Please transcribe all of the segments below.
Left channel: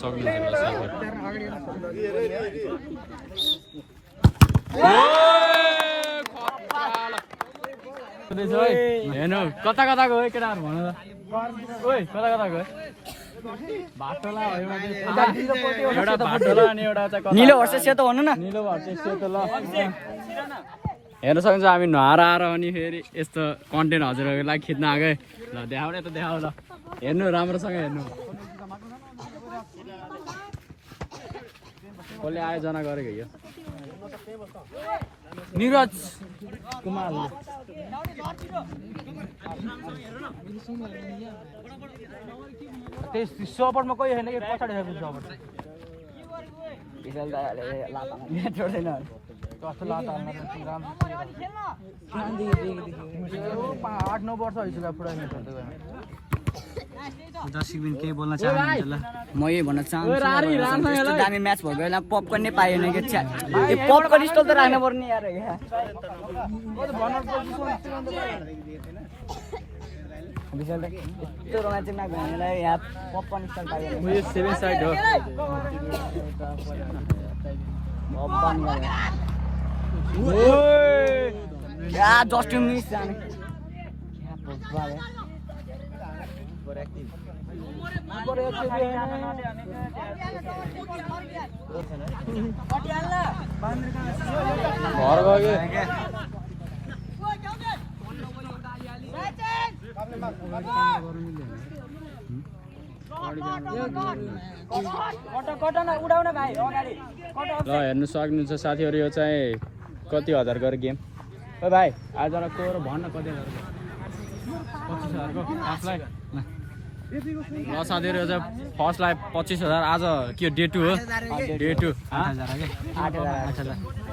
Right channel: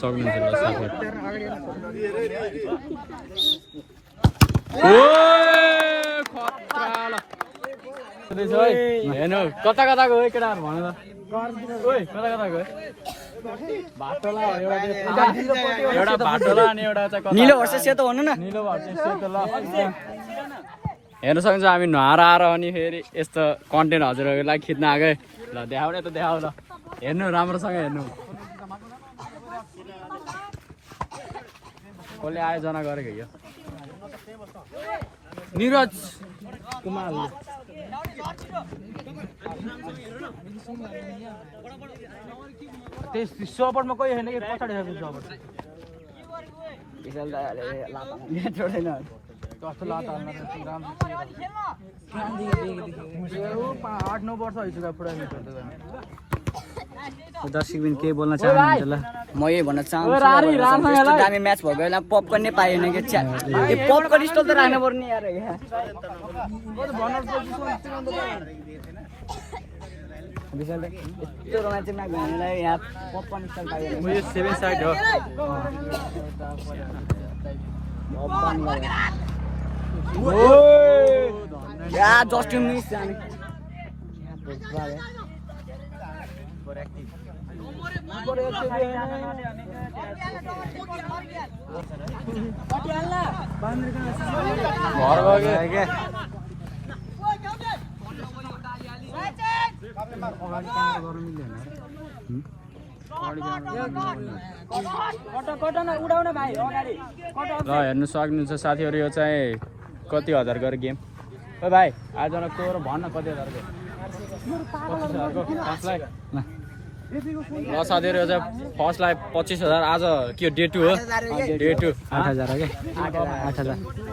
सक्नुहुन्छ ल साथी हेर्नु कता कता गयो केटाहरू भन त ओइ कता कता गयो भाटोला एउटा भाटोला अनि एउटा निलो हर्स सेतो भन्नु न हेर्न सक्नुहुन्छ हामी नहराएर अनि फेरि यस्तो कन्टेन्ट हजुरहरूको लागि खिच्न आएकै ल देखाउ त देखाउ ल हेर्नु राम्रोसँग हेर्नु कसले आयोजना गरेको यो निरज कुमारले त्यस सपोर्टमा कोही छैन कि पछाडि छ सपोर्ट विशाल दाइले लाता यहाँ छोड्दैन कस्तो लाता हाल्न राम्रो 8-9 वर्ष भइसक्यो पुरा म्याच खेल्दै दर्शक बिन केही बोल्न चाहनुहुन्छ ल म यही भन्न चाहन्छु यस्तो दामी म्याच भएको बेला पपकर्न नै पाएन कि च्या यो पपकर्न स्टल त राख्नु पर्ने यार यहाँ विशाल दाइ यस्तो रोमान्टिक म्याच भनेर यहाँ पपकर्न स्टल पाएन या जस्ट मिस जाने हेर्नु सक्नुहुन्छ साथीहरू यो चाहिँ कति हजार गरेर गेम भाइ आज तँ भन्न कति हजारको 25,000को फर्स्टलाई ल साथीहरू यो चाहिँ फर्स्टलाई 25,000 आज के डे 2 हो डे 2 8,000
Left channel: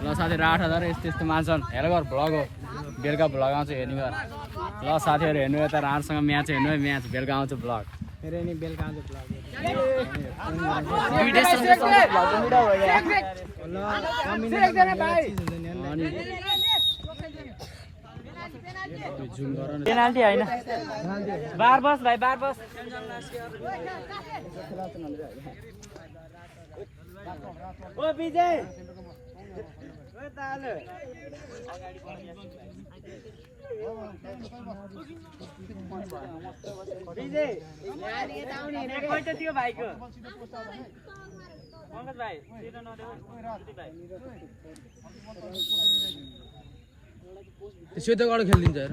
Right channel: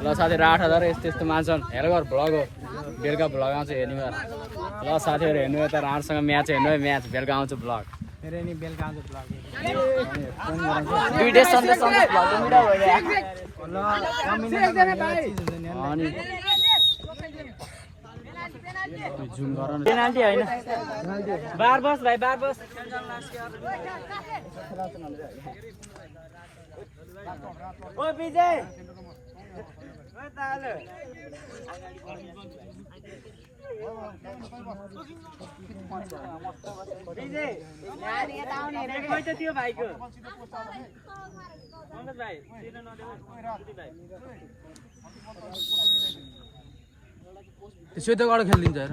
ल साथीहरू 8,000 यस्तो यस्तो मान्छन् हेर गर भ्लग हो बेलुका भ्लग आउँछ हेर्नु गर ल साथीहरू हेर्नु त राम्रोसँग म्याच हेर्नु है म्याच बेलुका आउँछ भ्लग अनि जुम गर न पेनाल्टी हैन बार बस भाइ बार बस ओ विजय ओ ताले विजय गाडी यता आउने एक खोइ त थियो भाइको पंकज भाइ दिन नदेऊ दिदी भाइ सेतो गाडो खेलिदिन्छ हेर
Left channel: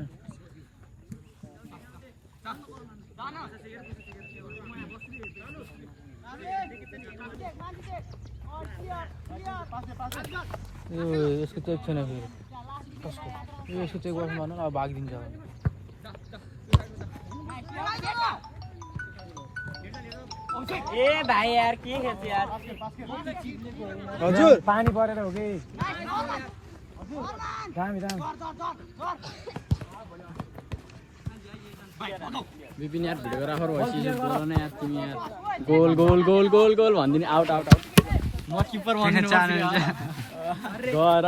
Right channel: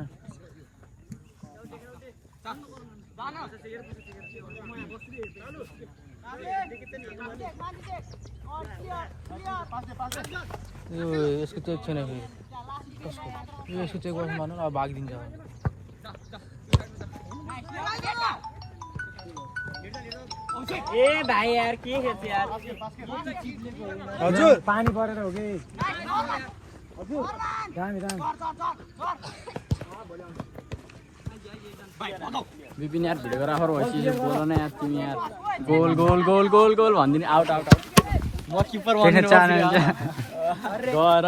यसको चेक छैन कसको यसको चेक गर्नु भन्नु अब भागिदिन्छ ए भाइ यार के खेल्छ यार पानी परेर हो कि हजुर दामी दामी विपिन यार भिडियोग्राफर भइसक्यो बोल न यार तिमी यार goal goal goal goal goal भन्दिनी आउट आउट म किपर भन्दिनु गएर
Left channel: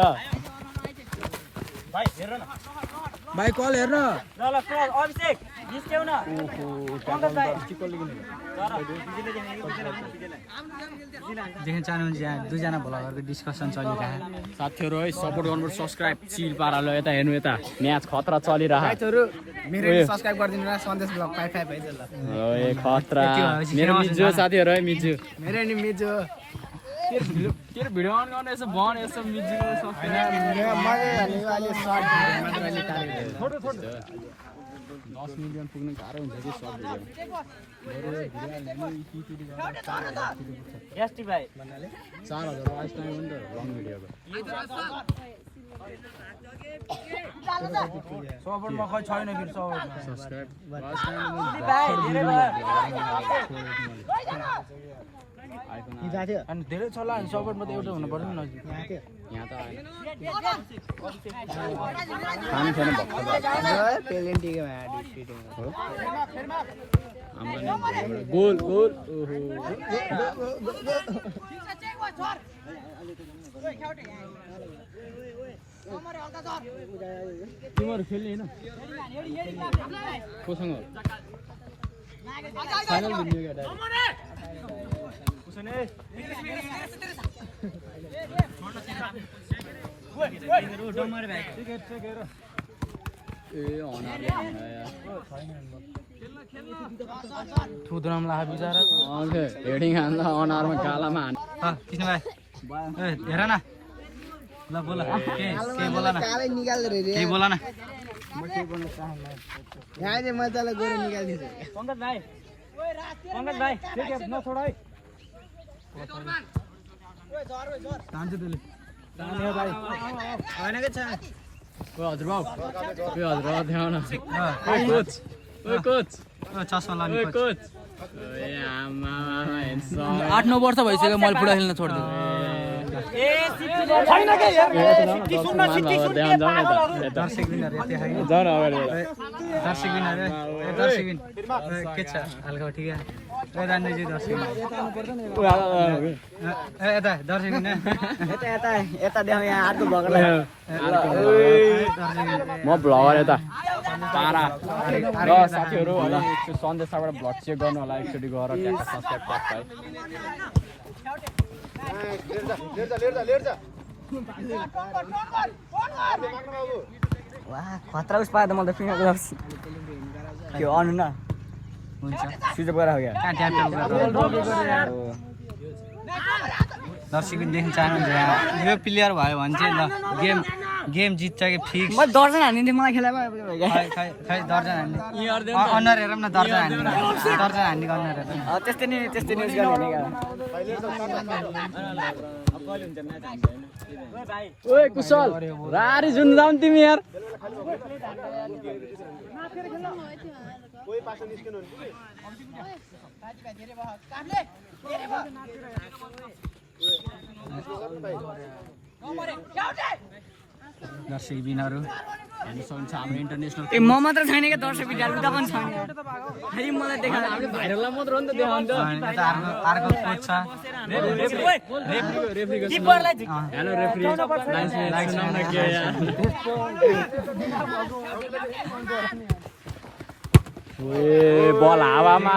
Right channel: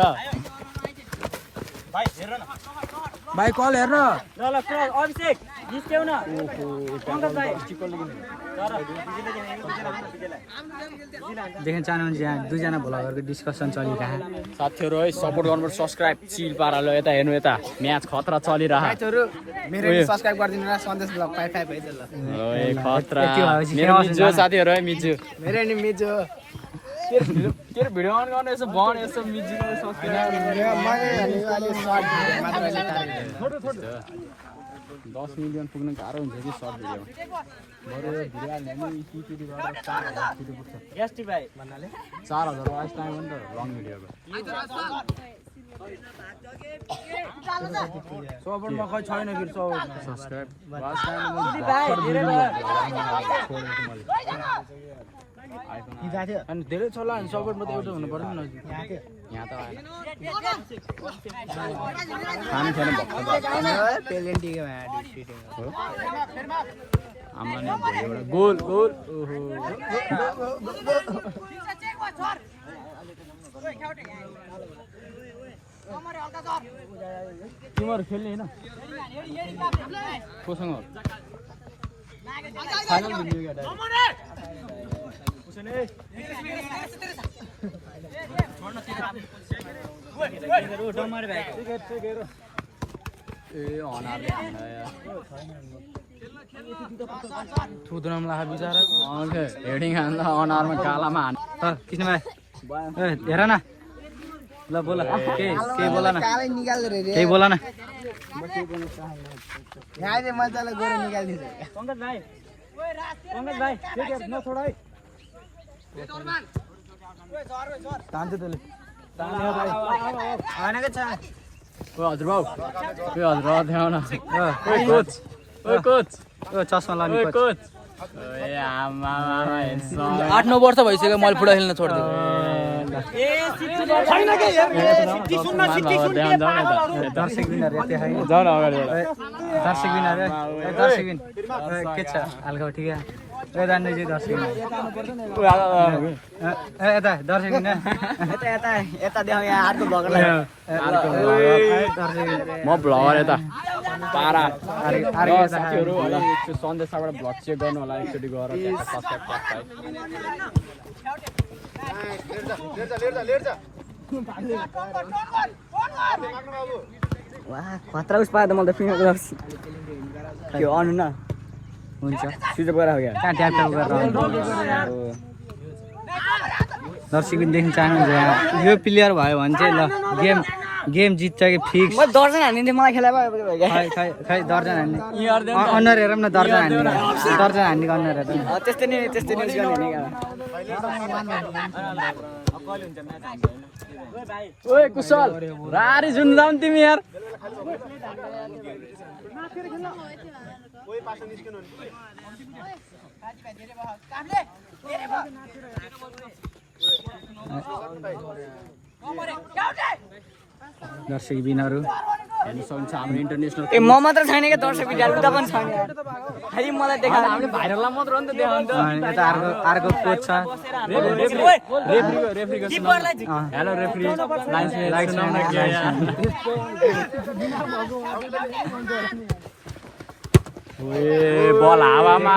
भाइ कल हेर्न ल ल अभिषेक जिस्क्यौ न देख्न चाहनुहुन्छ यहाँ दुईजना भ्लगरको डिस्कसन चलिरहेको साथीहरू है सपोर्ट गर्नुपर्छ सब्सक्राइब चिल पारालो यता हेर्नु यता म्याच खतरा चलिरहेको मेरो नि सब्स्क्राइब गरिदिनु न सन्देश ब्लग 5 है ल मिजो साथीहरू है मिजो मेरो नि मिजो के भिडियो अन गर्ने यसो बन यसो मिजिको सब्सक्राइब 10 मिलियन पुग्न गाह्रो हुन्छ कि सर्ट भिडियो बरु यो भिडियो हाल्ने नि इपिटी गरेर 4,000 किलो पुग्छ एसटी भाइ 4,000 वाच टाइम हो नि त लङ भिडियोको सपोर्टमा खै छैन फेरि सपोर्टमा सब्सक्राइब वाच टाइम भाइ धेरै भयो अनि धेरै चला अनि सपोर्टमा त एउटा हुनु पर्छ नि हामीलाई नि भोलि एउटा गोल गोल तिमीहरू खेल्ने होइन कोसँग थुद्राउनु लाग्यो बिचरा हेडिङ अनुहारमा कालामा हान कृष्ण भाइ हेर न ल बोल केही बोल न केही बोल न पंकज भाइ नछोड है तान्छु तैँले हजुर बाउ हजुर देखाउ न कोच कोच चस्मा लाने कोच ए आमा 8-9 वर्ष भइसक्यो मैले फुटबल खेल्न छोड्दियो दर्शक विनर यति खाइ जाऊ न अगाडि दर्शक विनर दर्शक विन के छ हालको ठिक जान्दैछु दर्शक विनर यता दर्शक विनर म भ्लगर यता पारा साथीहरू होला सन्देशबाट भ्लग चेक गर्नु होला एकचोटि गएर त्यहाँ सब्सक्राइब पास वाह खतरा उस पाए त मलाई त फिल्म त्यो अनु न हुन्छ सिजप गरेर हो क्या कहाँ ट्याप ट्याप गरेर दर्शक देख्न चाहनुहुन्छ यो प्लेयर भयो भने चाहिँ ल गेम जित्छ कि फिक्स म दर्जन हान्दिन्थे मलाई खेला भयो खै दर्जन हान्ने अनुहार हेरौँ न दर्जन हान्ने अनुहार हेर त्यस्तै नि न्युज गर्ने ओए कुशल रारी जुन्दाम तिमी यार दर्शक बिनहरू इन्टरनेसनल ए म मात्र छैन क्या दर्शक बिन उता पनि छैन यार खालि मलाई देखा हामीले भाइरललाई मात्र हो नि त यता अर्को कोच छ हेलो रेफ्री ए बल हावामा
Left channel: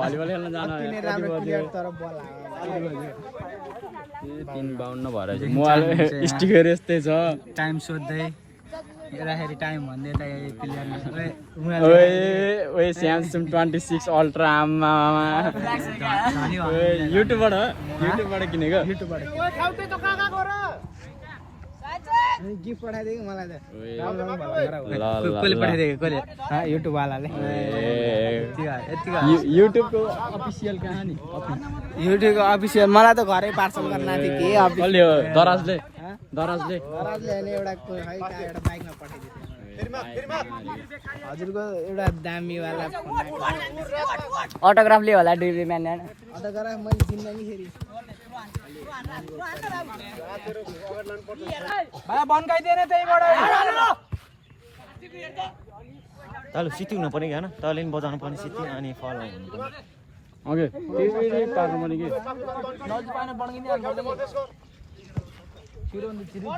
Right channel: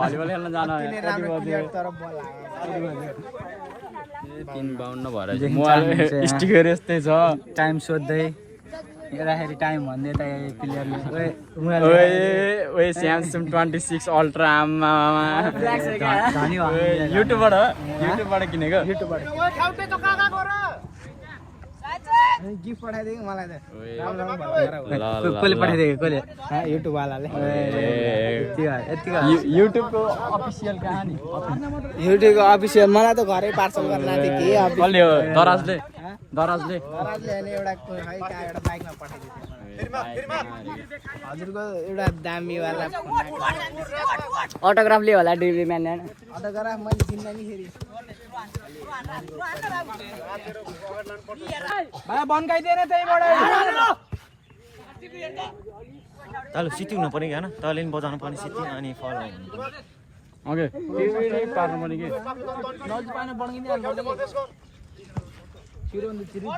भलिबल खेल्न जान देख्न चाहनुहुन्छ स्टिकर यस्तै छ टाइम सोध्दै हेर्दाखेरि टाइम भन्दै यता प्लेयरले ओए स्यामसङ 26 अल्ट्रा आमा धनी युट्युबबाट हो युट्युबबाट किनेको कसले पठाइदिएको कसले युट्युबवालाले युट्युबको अफिसियल कहानी युट्युबको अफिसियल मलाई त घरै पार्सल गर्न आएको थियो के दराजले एउटा दामीवाला अटोग्राफ लियो होला डिबी म्यान भाइ बन्काइदिएन त्यहीबाट तैँले सिटी हुनु पर्यो होइन तैँले पनि बजाउनु पर्ने सिटी अनि फल ओके पार्नु पनि के नजिक पाएन बन्किँदै हाल्नुपर्छ कि छिरो भने छिरो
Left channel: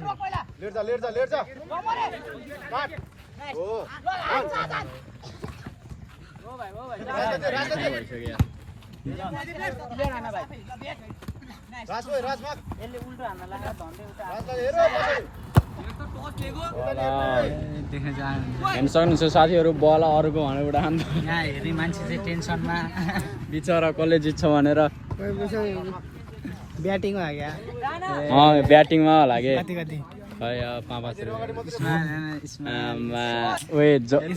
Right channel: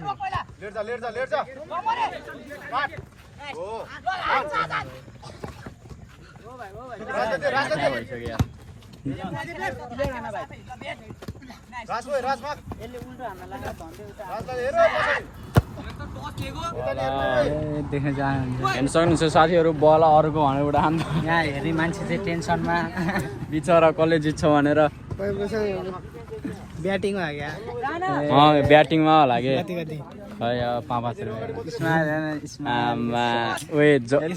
देख्न चाहनुहुन्छ सक्नुहुन्छ साथीहरू बल अरूको भनेर हान्छ यहाँ हेर्ने मान्छे चाहिँ टेन्सनमा बिचरा कसले जित्छ भनेर ब्याटिङमा क्या ब्याटिङमा होला कि कति खै 5-5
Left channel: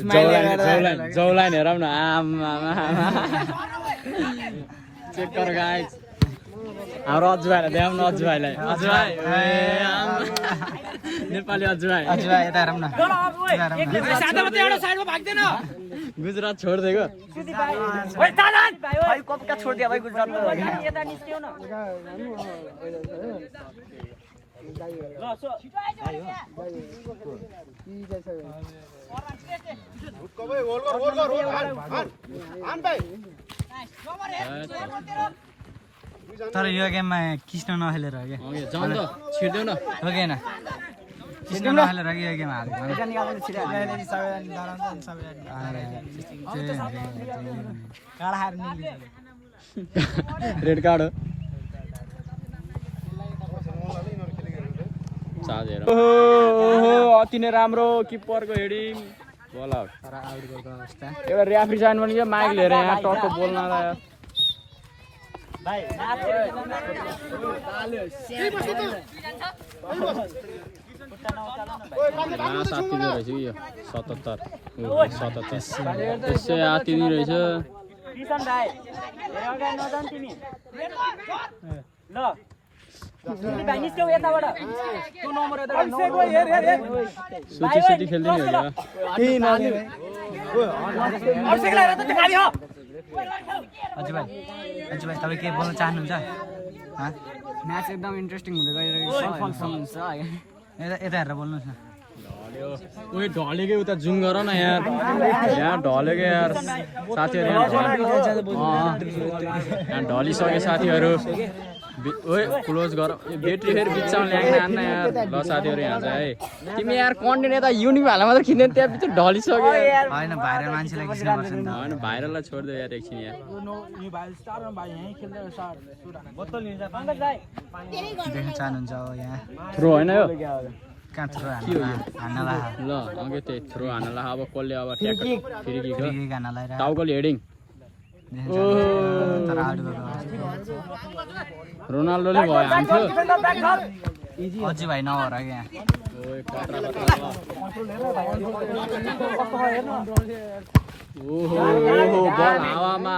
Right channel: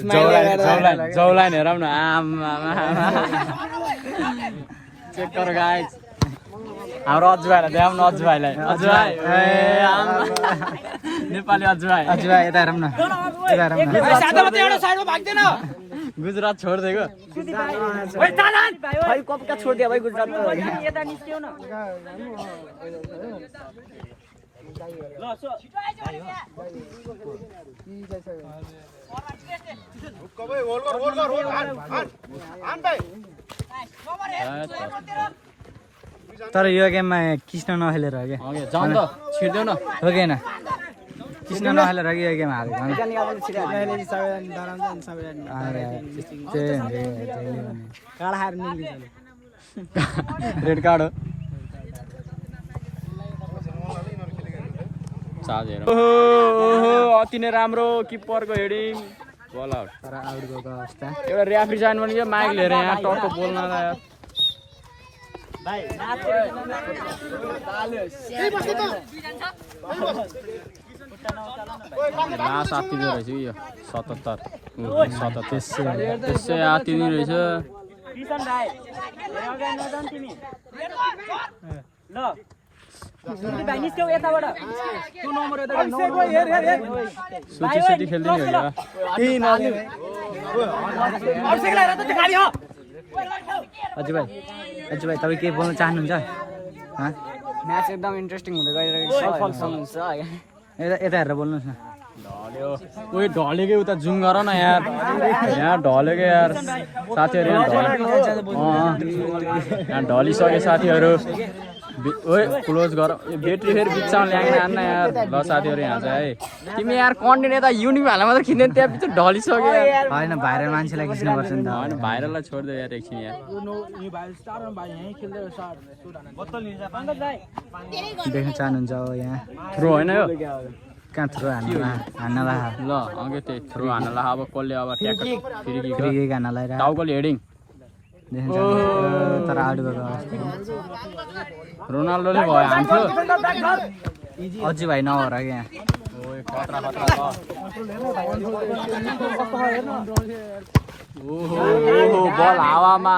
स्माइलले गर्दा जौलाइन हेरौँ न आमा चेक गर गाइस हाम्रो अजु भाइलाई देखाउँ न अजु भाइलाई अजु भाइ नेपाली अजु भाइ यता हेरौँ न गुजरात छोडिदिएको भाइ कपका छोडिदियो भाइ गुजरातको तर यो गेममा कृष्ण नखेलेर हो क्या जाउँ त छिर्देऊ न हो कि होइन कृष्ण नखेलेर कि यो गेम हारेको रेड कार्ड हो चार्जर अति नै राम्रो किपरको हेडिङ बल तर आउटको अवस्था एउटा रेफ्री जानु पनि के माग लिएर यहाँ साथीको रहेछ यो 77 त्यसै आती नै रहेछ अजु भाइ तपाईँ के बोल्न चाहनुहुन्छ म्याच एकदम इन्ट्रेस्टिङ हुँदै गइरहेको छ हुन्छ यता हेरेर बोल्नुहोस् न उयो ढलेकै उता जुम गर न यार यहाँ ढलेकै यार साथीहरू यहाँ ढलिसके साथीहरू ओए क्लोज गर ब्याट्री फेरि बिचमा ल्याङ्न आन्न यार ल साथीहरू यहाँ चाहिँ है तिमी यार कन्टिन्यू यता युनिक हाल्न मात्रै खिच्दैन त्यहाँ पछि ढलिसक्यो होइन भाइरल मान्छेलाई खिच्नुपर्छ नि त भाइरललाई छोडिदियो यार एकछिन यहाँ देख्न चाहनुहुन्छ अब यहाँ थ्रु होइन यो कहाँ थ्रु हान्नला ल अघि त्यो थ्रु हान्नला अब कसले अब फ्री किक हान्नलाई टाउकोले हेडिङ देख्न चाहनुहुन्छ तर आउटको अवस्था रोनाल्डोले भयो हान्थ्यो अझै भाइ नभएर यहाँ बल हावामा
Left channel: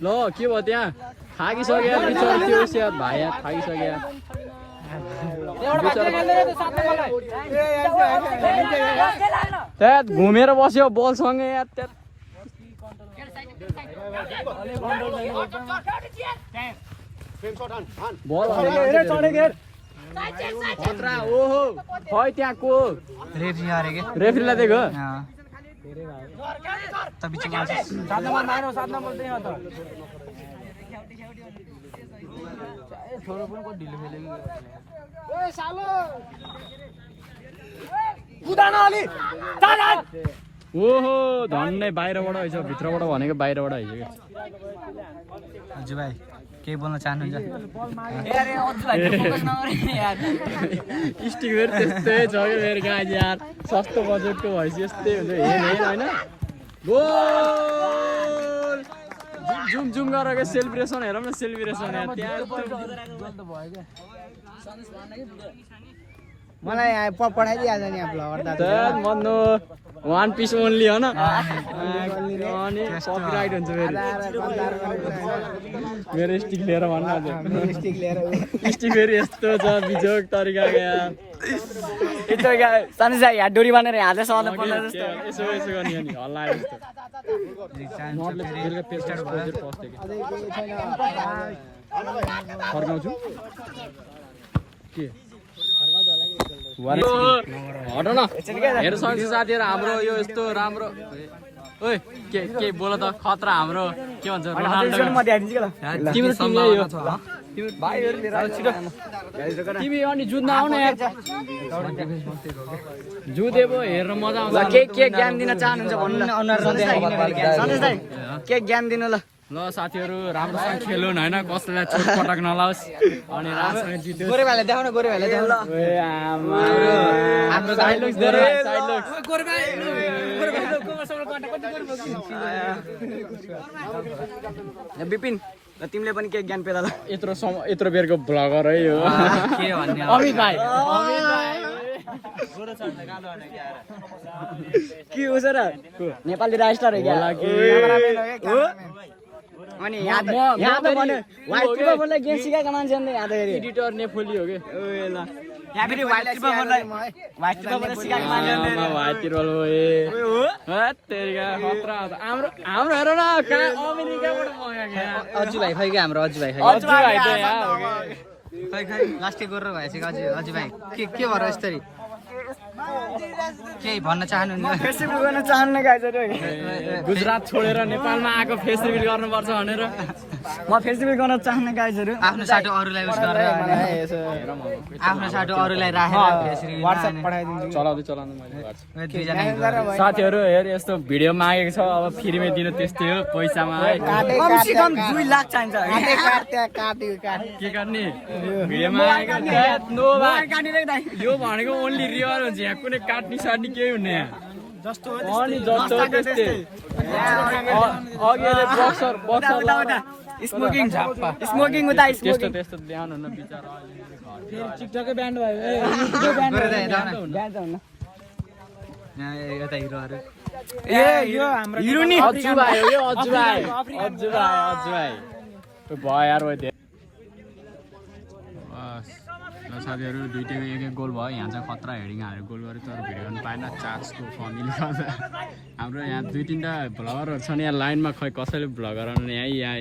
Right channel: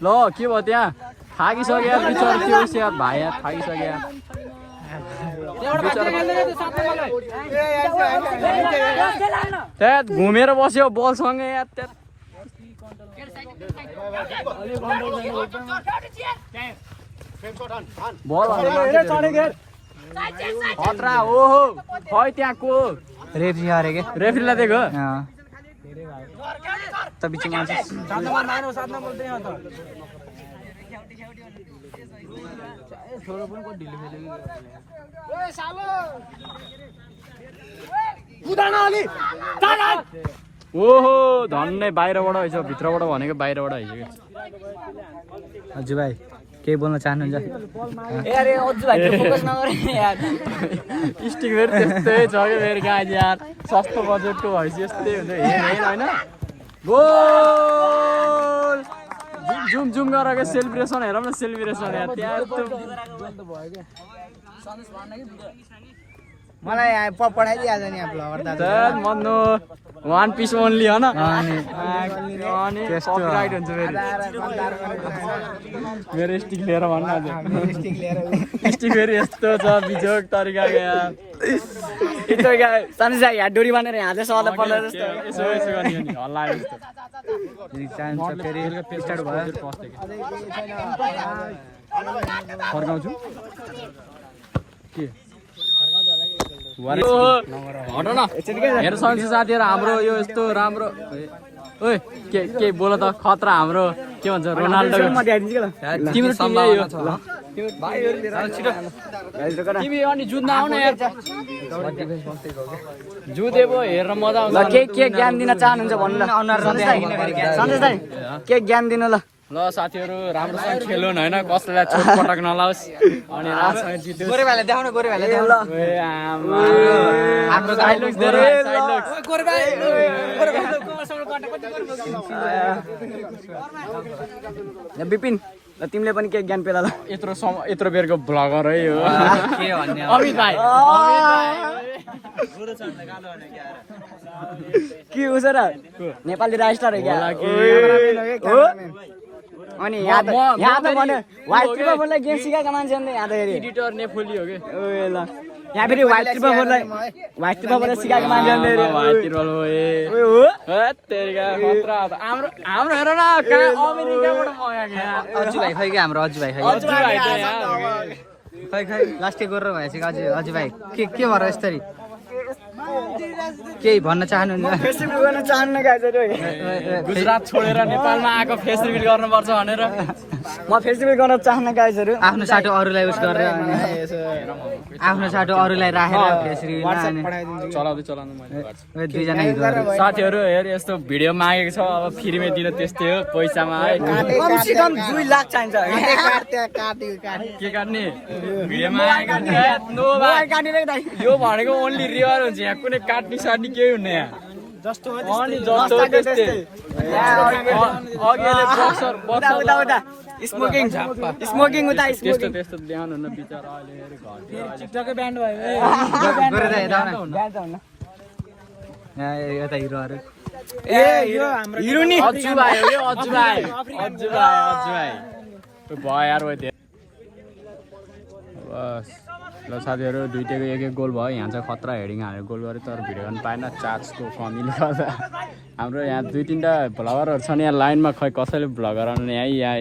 ल के भयो त्यहाँ थाकिसक्यो भाइ यहाँ थाकिसक्यो घुमेर बस्यो बलसँगै खतरा हो खै त्यहाँ को रेफ्री हारे के रेफ्रीलाई दिएको त बिचमा ओहो धन्नै बाहिरबाट आइछ भित्रबाट भनेको बाहिरबाट आइछ क्या हजुर भाइ केही बोल्न चाहनुहुन्छ स्टिक फेरि त्यस्तै छ क्या फेरि गाडी यार सस्तो बजेटको भएपछि यस्तै होइन गोल जुम जुम गरेर सेलिब्रेसन हेरौँ न सेलिब्रेसन यार त्यहाँ मन्नु वान पिस ओन्ली होइन त्यस्तो मेरो स्टिक लिएर भन्न स्टिक फेरि यस्तो छ बिजोग तरिकाको यार यहाँ डोरी बाँधेर हात सवाल पर्ला जस्तो हल्ला चाहन्छ फेरि स्टार्ट भयो फर्काउँछु के हेर सक्छ साथीहरू हाम्रो यो यस्तो राम्रो ओइ के बोल त खतरा हाम्रो के भन्छ रोनाल्डो सम्भावना छ जुधे भयो हेरेर मजा आउँछ के ज्ञान दिन चाहनुहुन्छ भन्नु ल सन्देश दाइ के ज्ञान दिनु ल ल साथीहरू राम्रोसँग खेलौँ होइन कसैलाई चोटपटक नलाओस् अनि राम्रोसँग जित्योस् विपिन ल तिमीले पनि के ज्ञान पेला ल यत्रो बेरको ब्लगर है यो के भन्ने के हुन्छ र नेपाली राइस्टार अनि एडिटर ने फुली हो यहाँ फेरि व्हाइट पेपरलाई सिकाएको मान्छे हाम्रो खै लास्ट गरेर भएछ अझै भाइ के भएर यस्तरी केही भन्न चाहनुहुन्छ फेस्टिभल गर्न चाहन्न गाइजहरू गुजरात छोडेर नेपालमा आएको फेस्टिभल गर्नुपर्छ भनेर म फेस्टिभल गर्न चाहन्न गाइजहरू आफ्नो साटो अरूलाई उस गरेर आफ्नो साटो अरूलाई राखेर फेसरी WhatsApp पठाइदिन्छु दुईजना साथीहरू हेर यस्तो भिडियो मागेको छ अब फ्रीमा दिन त्यस्तै हो पैसामा है कम से कम 2 लाख चाहिन्छ के काट्ने यो भनेको ओन्ली रियर हुन्छ यहाँ कुनै काट्ने साट्ने केही हुन्न यहाँ जस्तो हो उता स्मोकिङ उता त्यस्तो त्यस्तो ल्याउनु हुन्न बिचरा अहिले गरेर हेर्दा यता हिरोहरू यो हाम्रो हिरो नि बस ल साथीहरू दुईटैको एक एक गोल भयो यहाँ चाहिँ खतरा हेडिङ हालेर गोल गऱ्यो तर भिडियो गर्नु पाएन चार्जको कमीले गर्दा हाम्रो यहाँ 2-3टा भ्लगरहरू छन् यहाँ लाइनमा खै कसैले भ्लगर आउनु यहाँ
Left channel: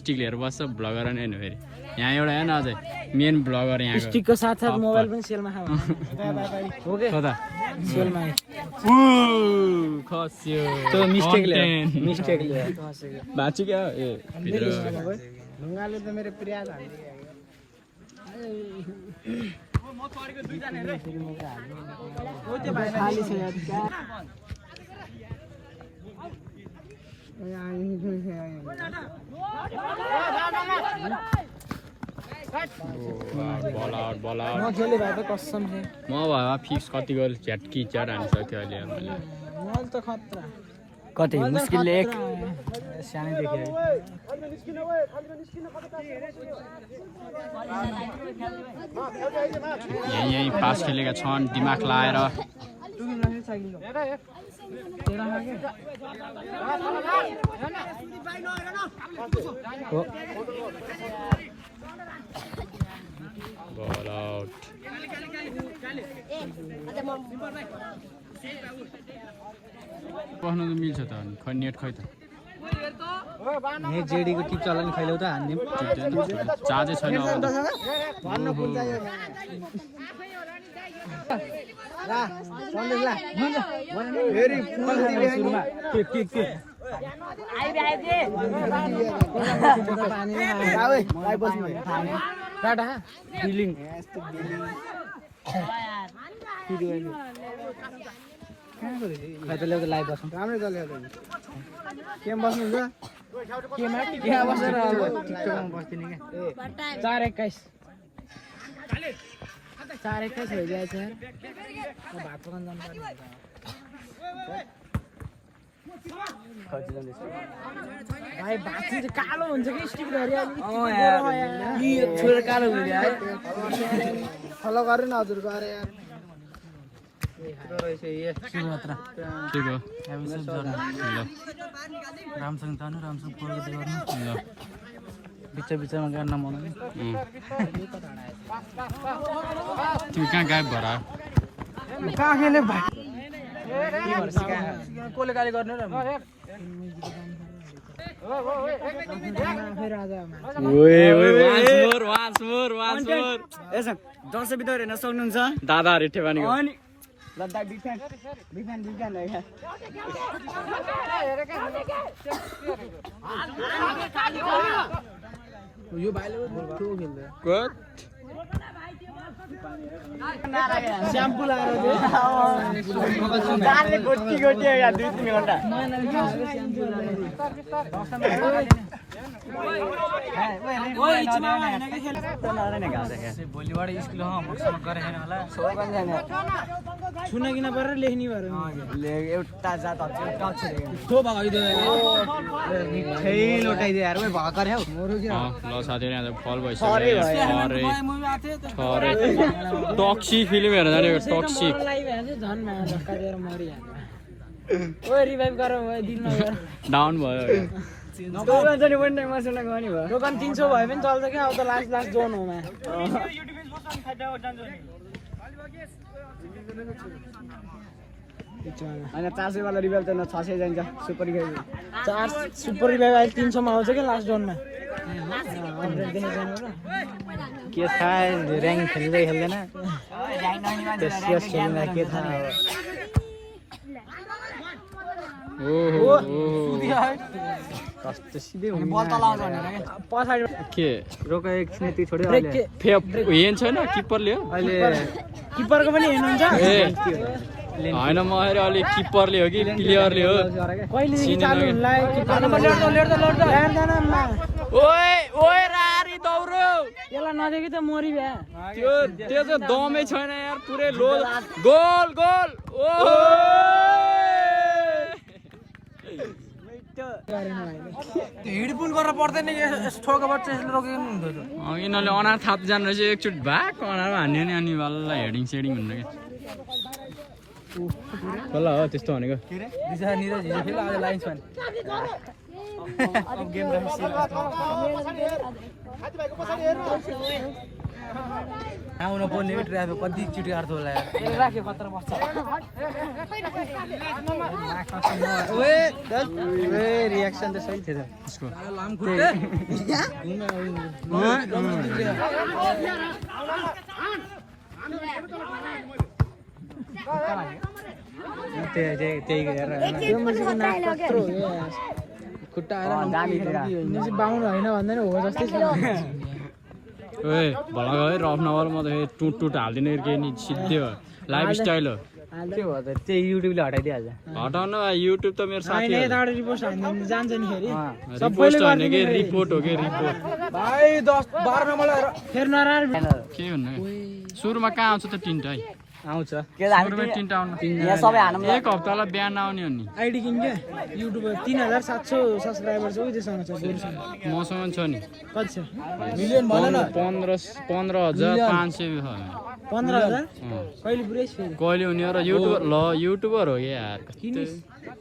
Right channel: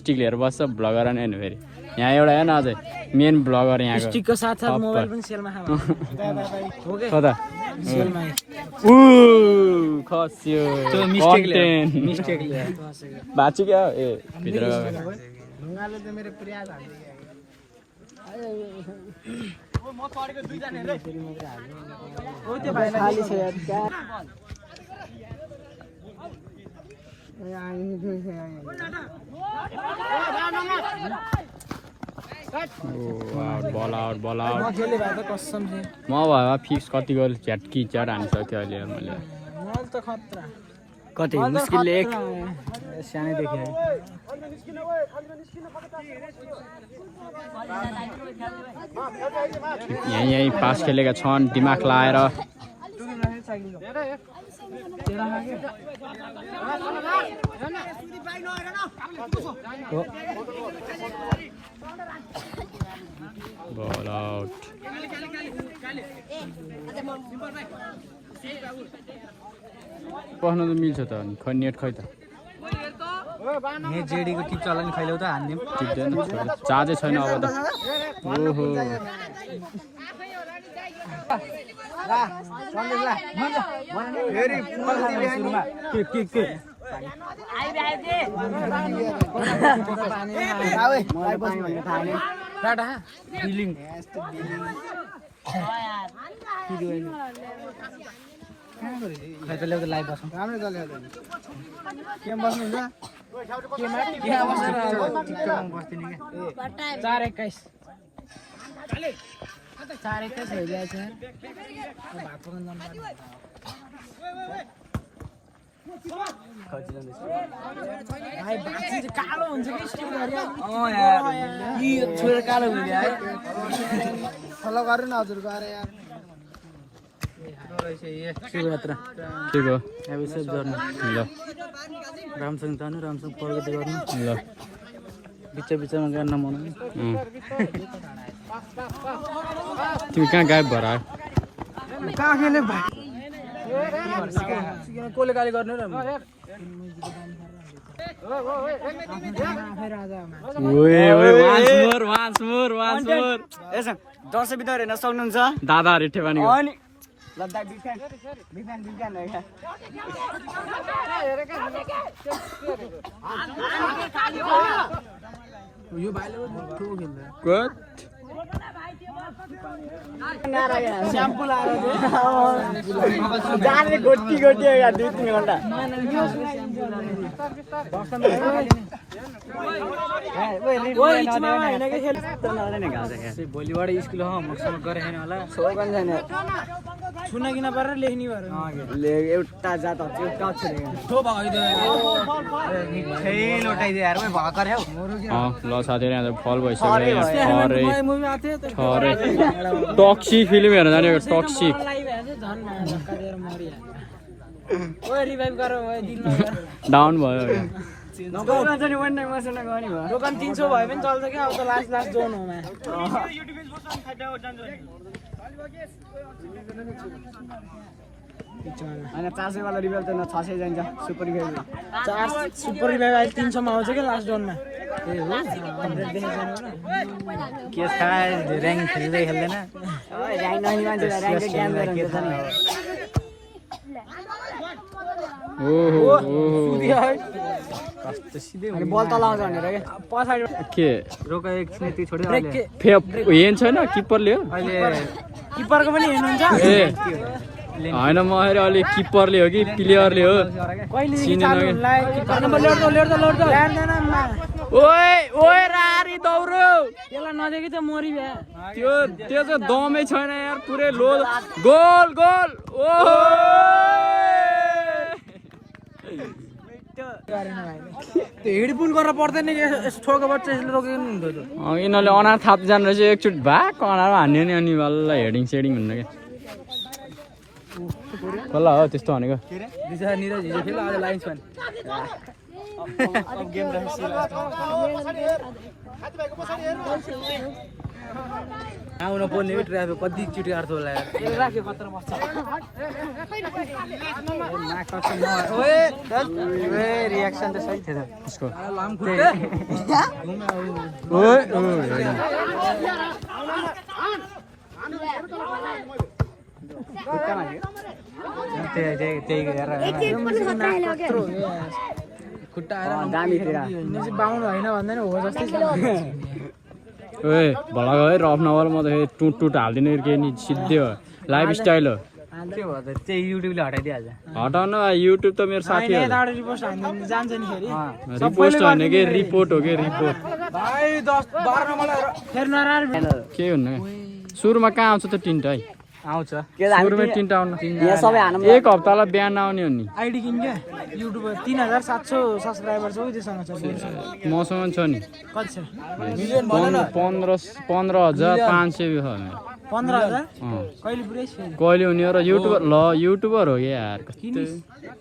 स्टिक लिएर बस्छ भ्लगर आउनु होइन फेरि यहाँ एउटा हेर्न अझै मेन भ्लगर यहाँको कता खस्यो भाँच्यो क्या ए भित्र खाली छ यार बल आउट म भए फिक्स कति गोल झ्याटकी च्याट हानिसक्थ्यो अहिले मैले कति मुस्किलले एक सानैदेखि यहीँ पास खेलेका छन् दिमाग लाएर बल आउट पस्न त मिल्छ त खै नेट खै त जेडीको टिप चल्ला नि खैल्याउ त हान्दिउँ टिप्दैन चार्जै छैन अब त ओहो फलो गर्नु न हजुर गरे शिवयात्रा के को एपिसोड गर्नु ल राम्रोसँग जानु राम्रोसँग प्रगति गर्नु ल बिचमा गर्न मन तिमी कहाँ गायब भएर आयो कहाँ खेले भाइ कोले गाली गर्ने र दसैँ बिता हेर्न सक्नुहुन्छ दादाहरू ठेवानीको अनि यो भाइले ठो खेल्दै स्याम्पु लाएर गोटी गोटी 2-3 घन्टा भोलिबाट स्कुल होमवर्क गरेर होला सुनाकिन पारेर लेख्ने एउटा जात एउटा ल साथीहरू यहाँ फल भइसक्यो यहाँ टक्सिक फिल्म हेर्न जाने टक्सिक डाउन भयो दोकान 300 भयो भने चल्छ क्या अब त लास्ट जोन हुँदैन होइन 400 वाला रिभेल त 600 जान्छ सुपर खेल सुपर इलेभेन अहिले 300 मा आउँछ कि लास्ट राउन्डमा केस खाए र्याङ्क खेल्दै खेल्दैन बल त लाउँछ भनेर के रोक एकछिन यति छोड्यो हेन छैन किपरले हो अहिले किपरको पनि हेर्नुहुन्छ ए होइन म अहिले अलिक किपरले हो कि प्लेयरले हो चिनेन ओए ओए रारी दौड्यो त्यसलाई नदेखि त मरि भ्या त्यो चाहिँ दमै छैन यार पुरै लो गोल गोल ओ त्यो हेडफोन गरेर पर्दैन कि ठोको बच्चा यसले रोकेको नि हुन्थ्यो त यिनीहरूले अनार थाप जानु रहेछ एकचोटि भएको अनारमा हान्यो नि अनि बल्ल हेडिङ सेडिङ भन्नु क्या बल्ल हो त्यस्तो भनेको दिशा निरज हिजो खेल आज लाइन्स फ्यान अब गेम राखेपछि आउन पर्ने हो ट्राफिक कति चिटी काट्थ्यो होला यार राख्यो पत्र बस्छ रियाक्सन त सही थियो उसको लाम खुट्टा ओए खुट्टामा थियो त्यही गरेर खुट्टा दामी खेलेर बाहुन होइन भन्दैन हो जस्तै ओए भडा गयो रफ नभएर म त टुट टुट हाल्दिनँ केही नि सिधै हो लाइफ स्टाइल हो त्यही युट्युबले हटाइदिइहाल्छ हटाउन युट्युब त मेरो साथी हो रिपोर्ट हान्नु जान्छ नि फेरि रिपोर्ट होइन कि रिपोर्ट हो कि रिपोर्ट भाइ 10 12 मा मलाई फेर नराल के हुन्न सुरुमा कहाँ आउँछ त टिन्ट है आउँछ सुरुमा टिन्ट आउन यहाँ सबै हानौँ एक हप्तालाई बिहान आउने हो नि आइडी किन क्या युट्युबर 3700 सब्स्क्राइबर छ उसँग छ मसँग छ नि कति छ 15,500 15,000 कहिले पुरै कहिले हुने हो र युट्युबर हो कि यार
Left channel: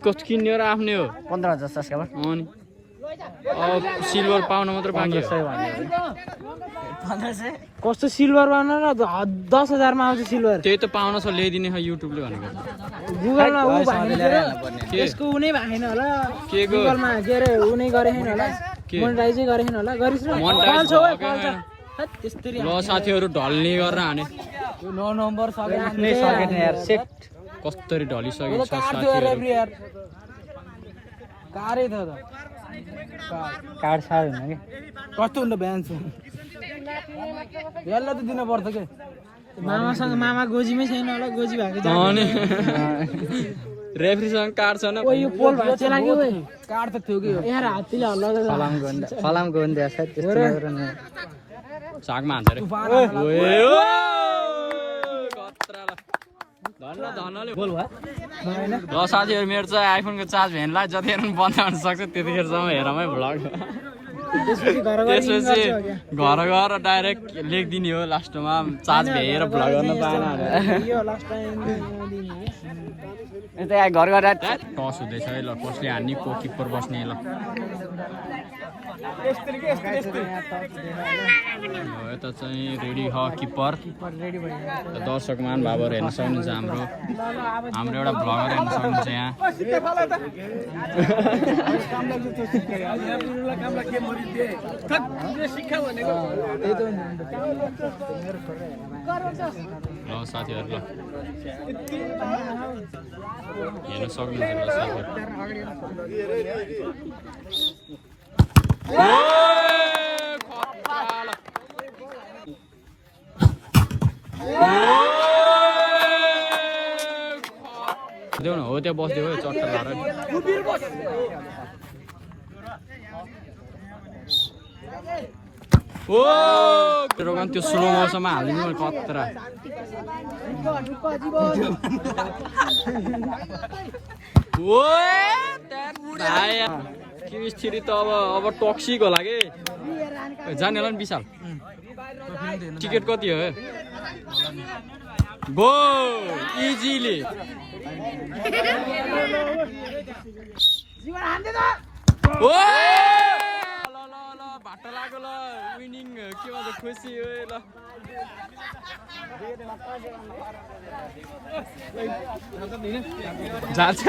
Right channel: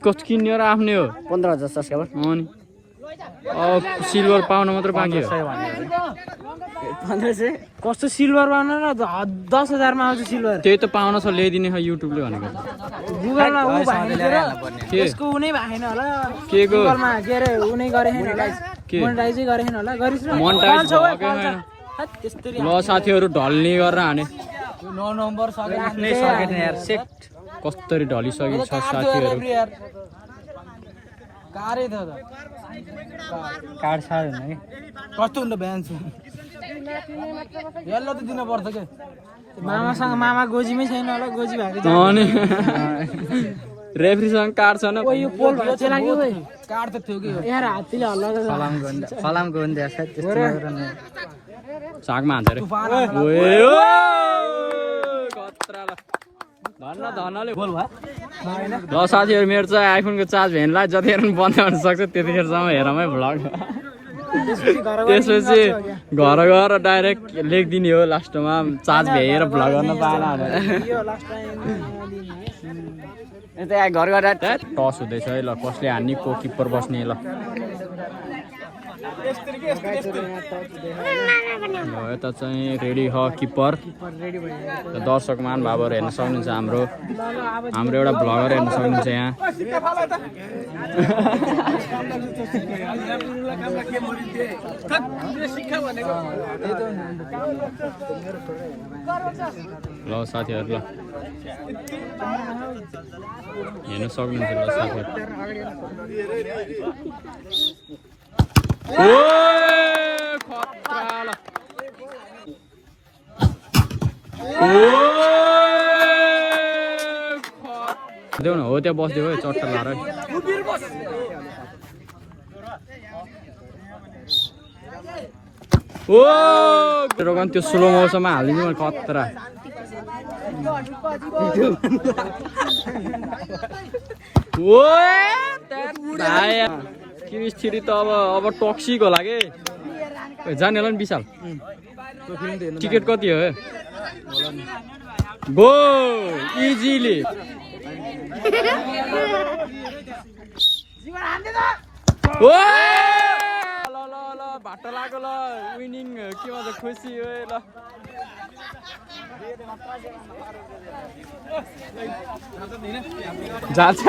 कस्तो किन्ने हो र आफ्नै हो 15,000 सब्स्क्राइबर अनि अब सिल्भर पाउन मात्र बाँकी हो 1500 कस्तो सिल्भर पाउन र 10,000 मा आउँछ सिल्भर त्यही त पाउन छ ल्याइदिने छ युट्युबले भनेको गुगलमा उ भएन के त्यसको उनै भएन होला के को गुगलमा के रे उनै गरे के मोनेटाइजै गरेन होला गरिस् मोनेटाइज भएकै छैन त्यस्तै ल साथीहरू ढल्ने गरेर हाने नो नम्बर आफ्नै सकेन यार सेट कस्तरी ढलिसकेको छ साथीहरू कारै द कार्ड सार होइन कि कस्तो हुन्छ बिहान चाहिँ यसलाई त दिन पर्छ के मामासँग मामा गोजीमै छैन होला गोजी भएको अनि रेफ्रीसँग कार्ड छैन यो पोल बेचे लाग्यो भाइ कार्ड त थियो कि यार हातले हल्लाको फलामको हुन्छ सायद त्यस्तो सागमा हान्छ रे ओए ओ खतरा ल धनले बोल भयो ल साथीहरू मेरो चाहिँ आइफोनको चार्ज भेनलाई जतिखेर बन्द गर्न सक्छ त्यतिखेरसम्म हेरमै भ्लग त्यसपछि घर गएर डाइरेक्ट लेखिदिने हो लास्टमा चार्ज भ्याएर भ्लग गर्न पाएन यता घर घर टस हुँदैछ है ल कसले हान्ने को किपर बस्ने ल यता चाहिँ रेडी हो किपर दर्शकमा भावर हेर्न सक्नुहुन्छ हाम्रो एउटा भ्लगर हेर्न सक्नुहुन्छ यहाँ ल साथीहरू ल हेर्न सक्नुहुन्छ ल साथीहरू देऊ न हो त्यहाँ बस्दियो है चट्टा लाएर ओ रोगन त्यो स्लो मोसनमा हालिदिनु मैले कत्रा ओ किस्थिरी त अब टक्सिक होला के जाने होला नि विशाल टिकट कति हो गो इजिली फाटो लाग्यो ल विनिङ के भन्छ खुसी हो ल जान्छ